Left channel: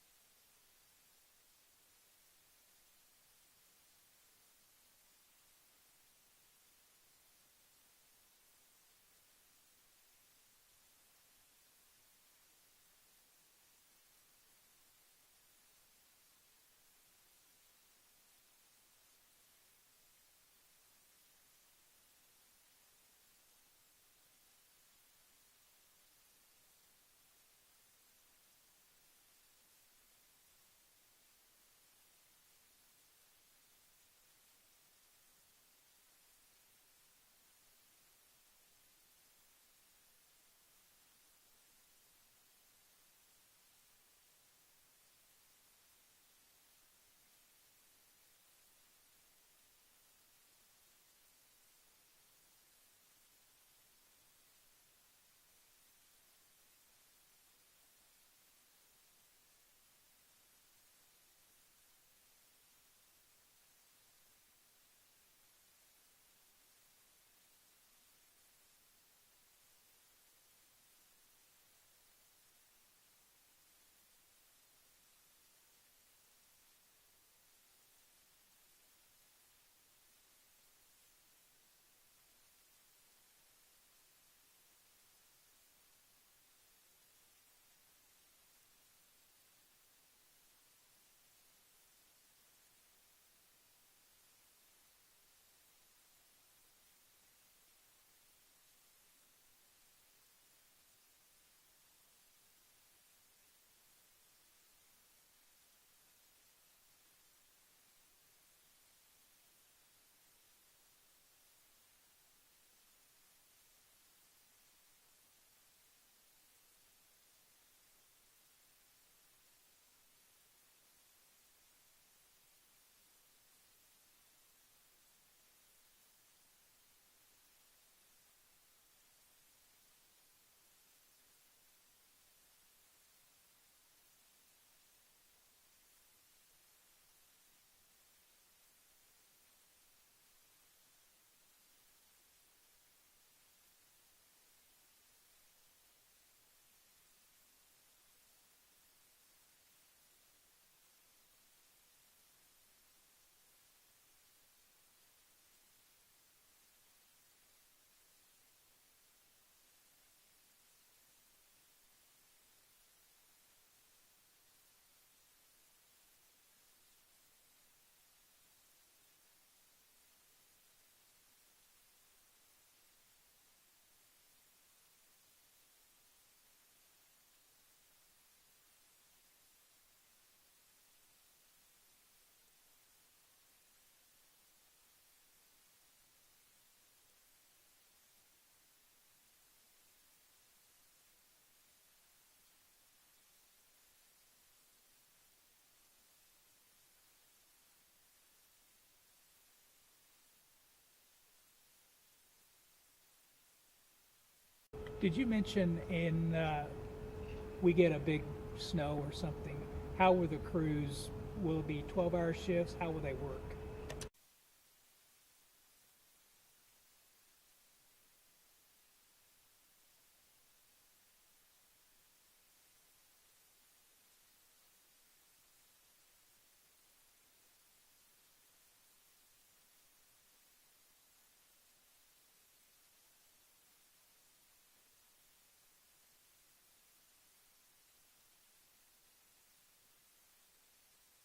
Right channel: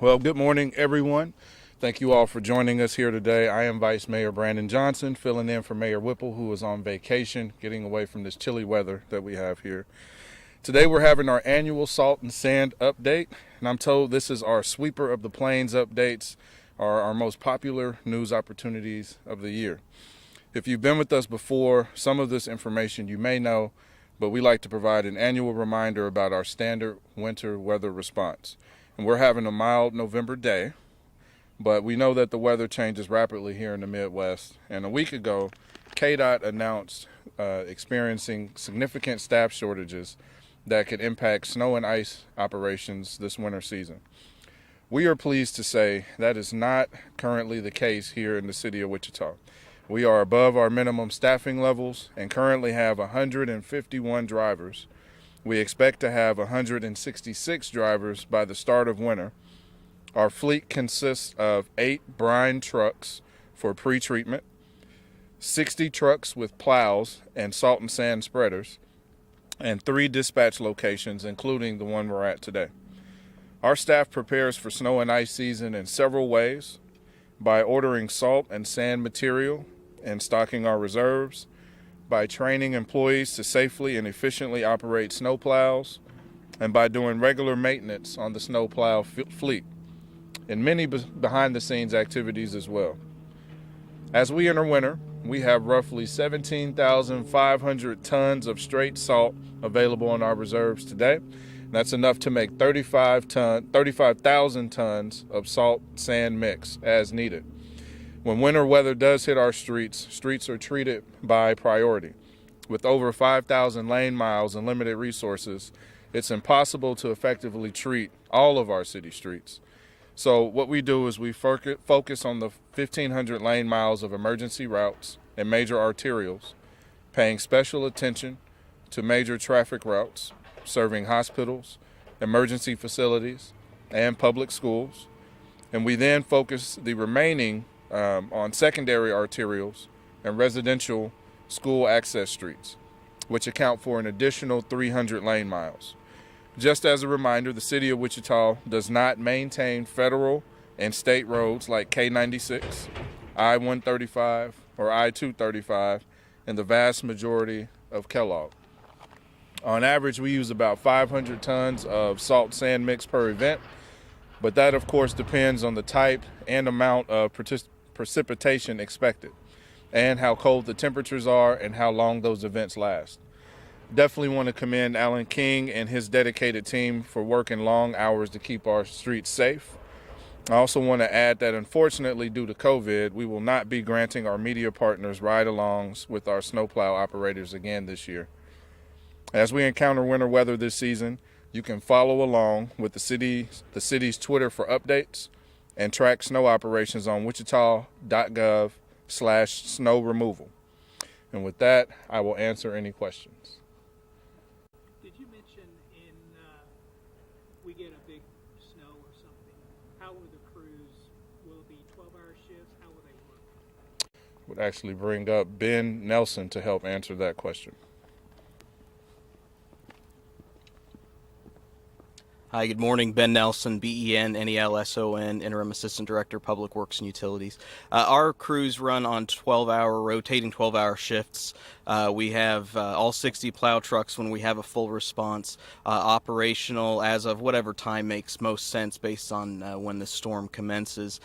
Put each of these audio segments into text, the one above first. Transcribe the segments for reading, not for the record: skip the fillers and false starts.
Well, good morning, everyone. Thank you all for joining us here today. I am Vice Mayor Brandon Johnson, filling in for Mayor Whipple, who is on vacation, getting away from this chilly weather that we have here. Today, we're having our annual salt and sand update, and I'm told this is our sweeper of the plains updates, are our most popular news opportunities of the year. If you've been with us before, some of this information you may know, but we like to provide an annual reminder about our standard winter weather response. And we're having a mild November day, but we know that the weather changes rapidly here in the Midwest. And a week ago, KDOT announced experiencing significant staff shortages that could impact snow and ice operations this winter season. We are pleased to say that is not currently the case here in the city of Wichita. We are above our minimum staffing levels and currently have 151 drivers. We expect to have 166 drivers by the start of winter. Our fleet consists of 8 brine trucks for pre-treatment, 60 trucks with plows and salt and sand spreaders, and 3 dispatch locations, including the one we're at today. Our staff prepares for snow and ice season in several ways: by ordering salt and sand material and stocking our reserves, by training employees to safely and efficiently operate snowplows, and by doing regular maintenance on the snowplow fleet, and many behind-the-scenes activities as well. As we enter winter, we have roughly 17,500 tons of straight salt available in our reserves today. That's enough to make 35,000 tons of salt sand mix as needed. When winter weather does hit our streets are treated by priority. With over 5,000 lane miles and limited resources, it's impossible to effectively treat all of our city streets. So what we do is we focus on the 1,500 lane miles of emergency routes and major arterials, paying special attention to major traffic routes, serving hospitals, emergency facilities, and public schools. And we then focus the remaining on secondary arterials and residential school access streets, which account for an additional 300 lane miles. Just as a reminder, the city of Wichita does not maintain federal and state roads like K-96, I-135, or I-235, and the vast majority of Kellogg. On average, we use about 500 tons of salt sand mix per event, but that of course depends on the type and amount of precipitation expected, and how cold the temperatures are and how long those events last. Definitely want to commend Alan King and his dedicated team for working long hours to keep our streets safe. I also want to add that unfortunately, due to COVID, we will not be granting our media partners ride-alongs with our snowplow operators again this year. As we encounter winter weather this season, you can follow along with the city's Twitter for updates and track snow operations on wichita.gov/snow removal. And with that, I will answer any questions. Did you mention we get a big snow or something, how will the crews, will it be 12-hour shifts? How will they work? Would actually bring up Ben Nelson to help answer that question. Hi, good morning. Ben Nelson, BENNELSON, Interim Assistant Director, Public Works and Utilities. Our crews run on rotating 12-hour shifts. We have all 60 plow trucks when we have a full response, operational as of whatever time makes most sense based on when the storm commences.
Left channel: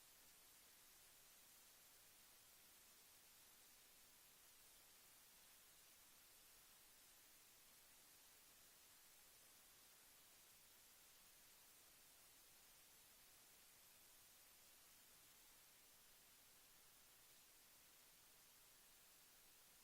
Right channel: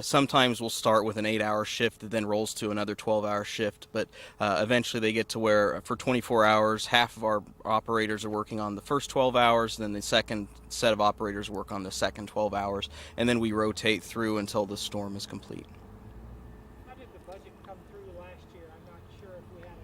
Sometimes we'll start with an 8-hour shift that then rolls to another 12-hour shift, but eventually they get to where for 24 hours, half of our operators are working on the first 12 hours, and then the second set of operators work on the second 12 hours, and then we rotate through until the storm is complete. How did the budget come through last year? I'm not sure if we had an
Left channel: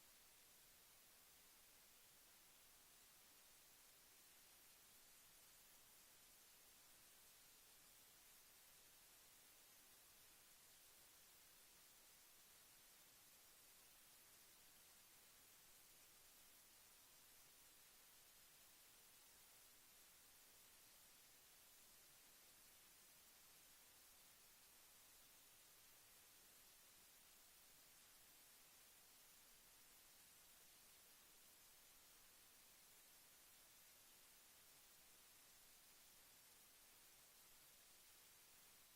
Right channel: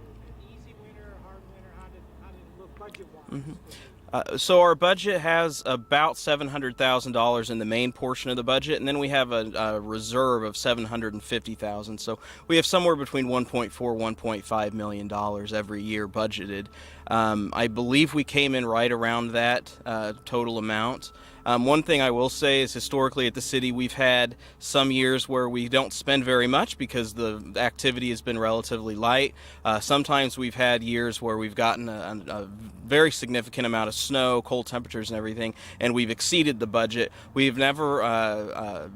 easy winter, a hard winter. How did it look budget-wise? So our budget has about $700,000 in the main portion of the budget, and then we have a reserve of $750,000. So we have somewhere between $1.4, $1.5 million every year budgeted. I believe we came in right around that total amount. One thing I will say is historically at the city we've had some years where we don't spend very much because the activity has been relatively light. Sometimes we've had years where we've gotten a very significant amount of snow, cold temperatures and everything, and we've exceeded the budget. We've never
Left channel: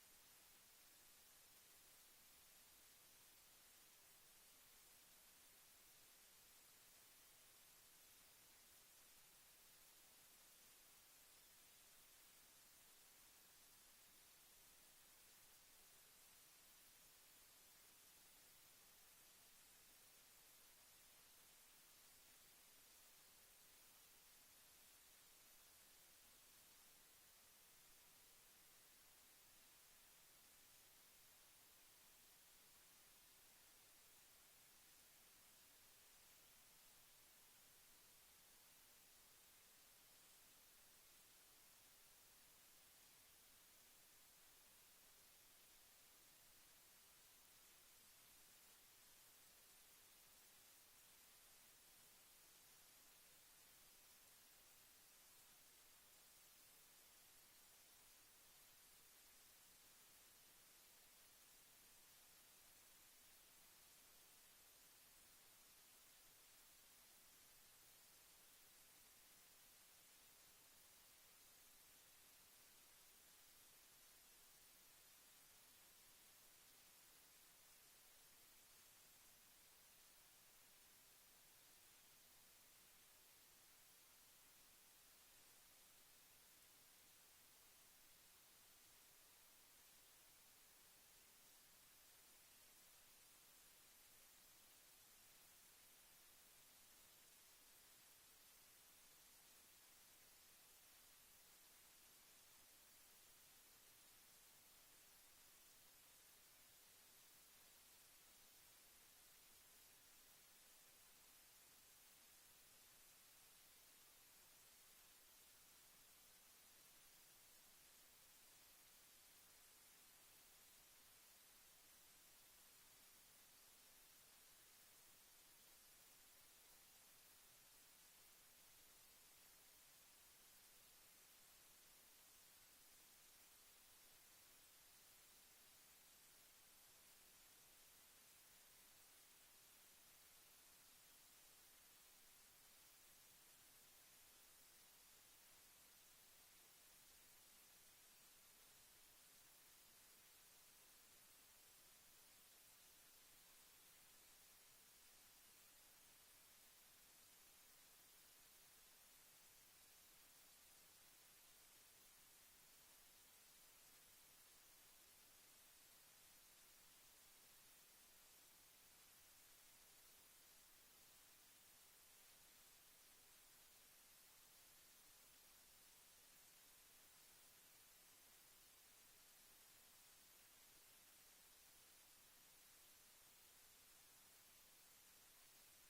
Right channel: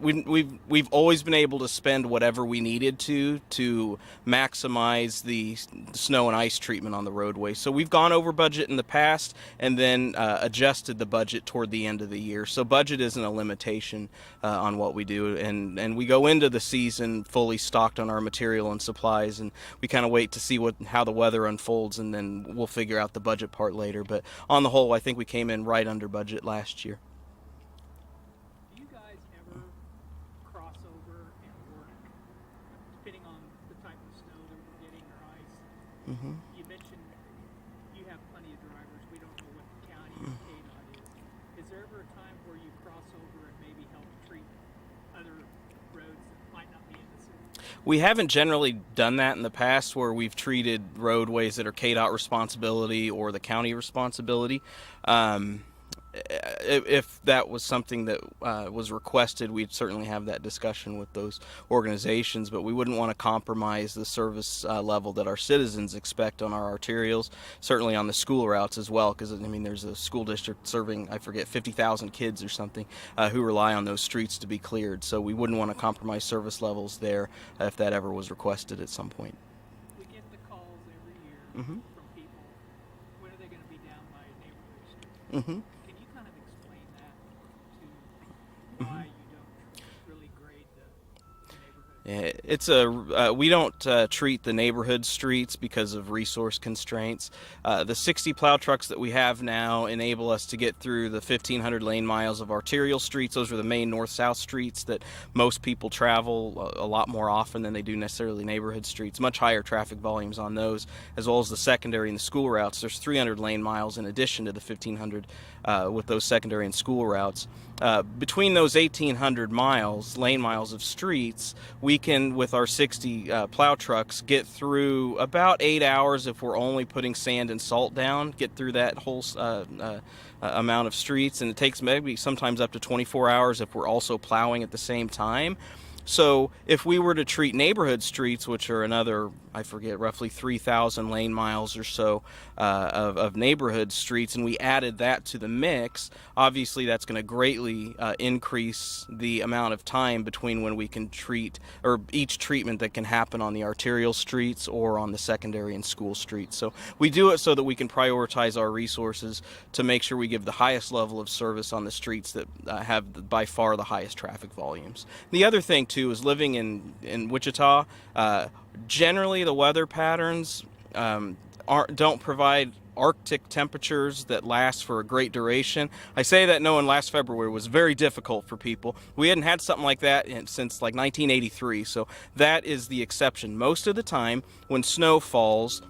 we've always been able to spend whatever we needed to maximize the snow and ice treatment on the roadway. So we've gone over budget in the past and then adjusted the budget toward the end of the year. So budget isn't a limitation on what we do, and we go into the season fully stocked on our material and supplies, and we kind of wait to see how the weather unfolds, and then we'll figure out the budget part later. But on the whole, I think we came in right under budget last year. Do you guys ever cross over and work, depending on the type of snow that we're getting or ice? Mm-hmm. You mentioned you have plenty of drivers. We don't know what the county or KDOT is. Is there ever a time where you cross over and maybe help treat other roads that might not be in the city? We haven't generally done that in the past where we've treated roadways that are KDOT responsibility or the county responsibility. If that was something that was requested, we'd certainly have that discussion with those organizations, but we wouldn't want to compromise the service level that our citizens expect on our arterials, certainly on the school routes as well, because I mean there's a school district serving, I forget, 50,000 kids or something who rely on those streets to be cleared, so we wouldn't want to compromise service levels there if that ever was requested at some point. We get the calls every year Mm-hmm. from people. When are they going to be down by neighborhood street? Mm-hmm. Can you kind of explain that to why you don't really grade the neighborhood? We don't treat the neighborhood streets because of resource constraints. The 60 plow trucks that we have now enable us to get through the 1,500 lane miles of arterial streets. Those are the main north-south streets that most people travel a lot more often than they do necessarily neighborhood streets. Much higher traffic volumes on those, as well as the secondary and the school routes. There's 300 lane miles in addition to the 1,500 with those secondary and school routes. Between those 1,800 lane miles of streets, we can, with our 60 plow trucks, get through about 8 hours if we're only putting sand and salt down, get through that whole amount of streets, and it takes maybe sometimes up to 24 hours if we're also plowing at the same time. So if we were to treat neighborhood streets, which are another, I forget, roughly 3,000 lane miles or so of neighborhood streets, and we added that to the mix, obviously that's going to greatly increase the amount of time between when we can treat, or each treatment that can happen on the arterial streets or on the secondary and school streets. So we do it so that we can prioritize our resources to make sure we give the highest level of service on the streets that have by far the highest traffic volumes. The other thing too is living in Wichita, generally the weather patterns don't provide Arctic temperatures that last for a great duration. I say that knowing last February was very difficult for people. We hadn't had something like that since like 1983, so that is the exception. Most of the time when snow falls,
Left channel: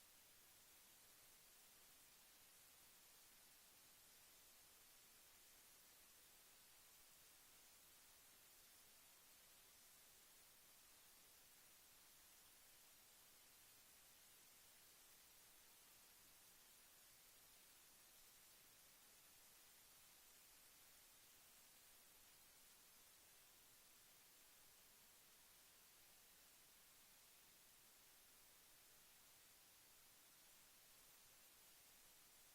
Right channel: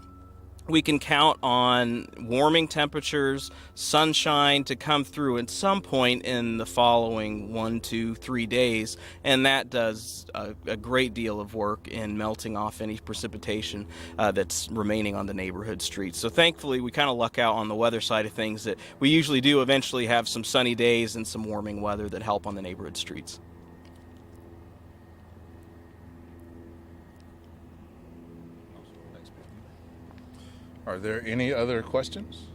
we can count on warming temperatures, sunshine to come through at some point in the following 1, 2, 3 days, and that does a great deal of work in melting off any precipitation that's remaining on the neighborhood streets. So thankfully we kind of luck out on the weather side of things that we usually do eventually have some sunny days and some warming weather that help on the neighborhood streets. Are there any other questions?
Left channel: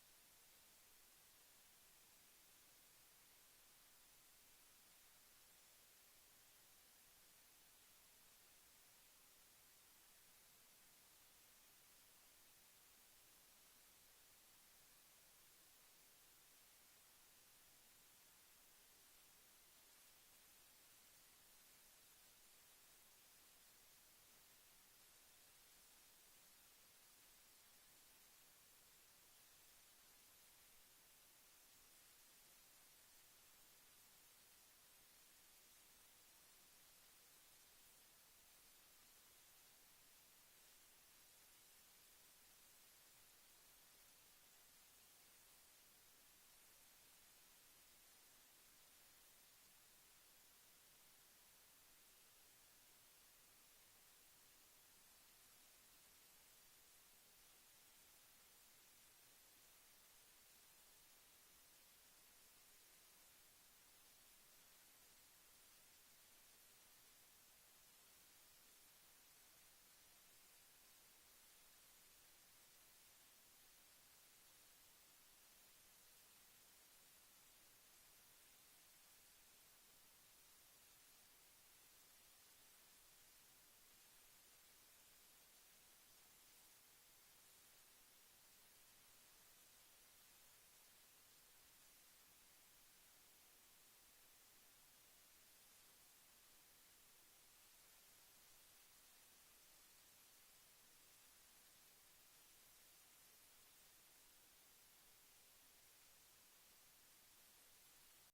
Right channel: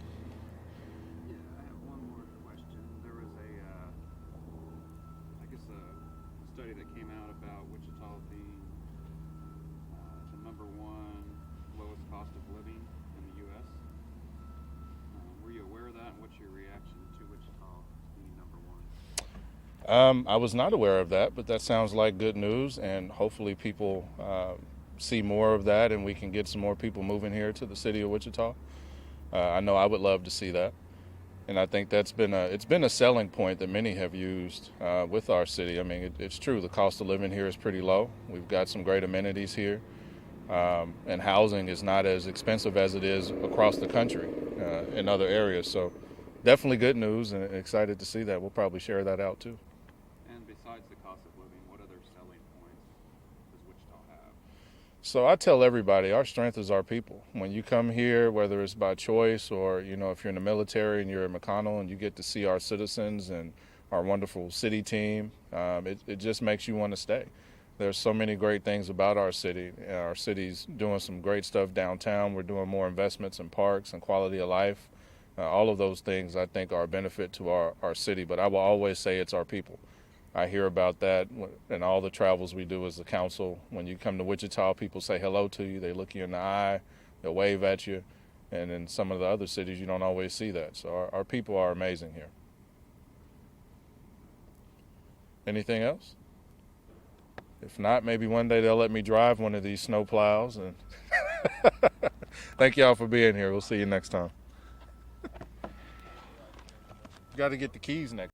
Yeah, I have one more question. There was a study that came out about Wichita being the #1 lowest cost of living in the U.S. Were you aware of that? And what's your reaction to Wichita being #1? I was not aware of that, but that sounds like good news, and hopefully people see more of that and we can get some more people moving here to the city of Wichita. I know I would love to see that, and I think it's been a selling point that many have used with our city. I mean, it's true, the cost of living here is pretty low. We've got some great amenities here, and housing is not as expensive as it is across the country in other areas. So definitely good news, and excited to see that. We'll probably share that out too. And besides the cost of living, what other selling points does Wichita have? So I tell everybody our strength is our people. When you come here, whether it's by choice or, if you're in the military and you're in McConnell and you get to see our citizens and our wonderful city team, it just makes you want to stay. There's so many great things about our city. Our city's doing some great stuff downtown. We're doing more investments in parks and quality of life. All of those things I think are a benefit to our city, but I will always say it's our people. I hear about that in all the travels we do as a council. When you come to Wichita, people say hello to you. They look you in the eye. They'll wave at you. And in some of the other cities, you don't always see that. So our people are amazing here. Anything else? If not, maybe one day they'll let me drive one of these snow plows. And thank y'all for being here. We'll see you next time. Got to get the keys next.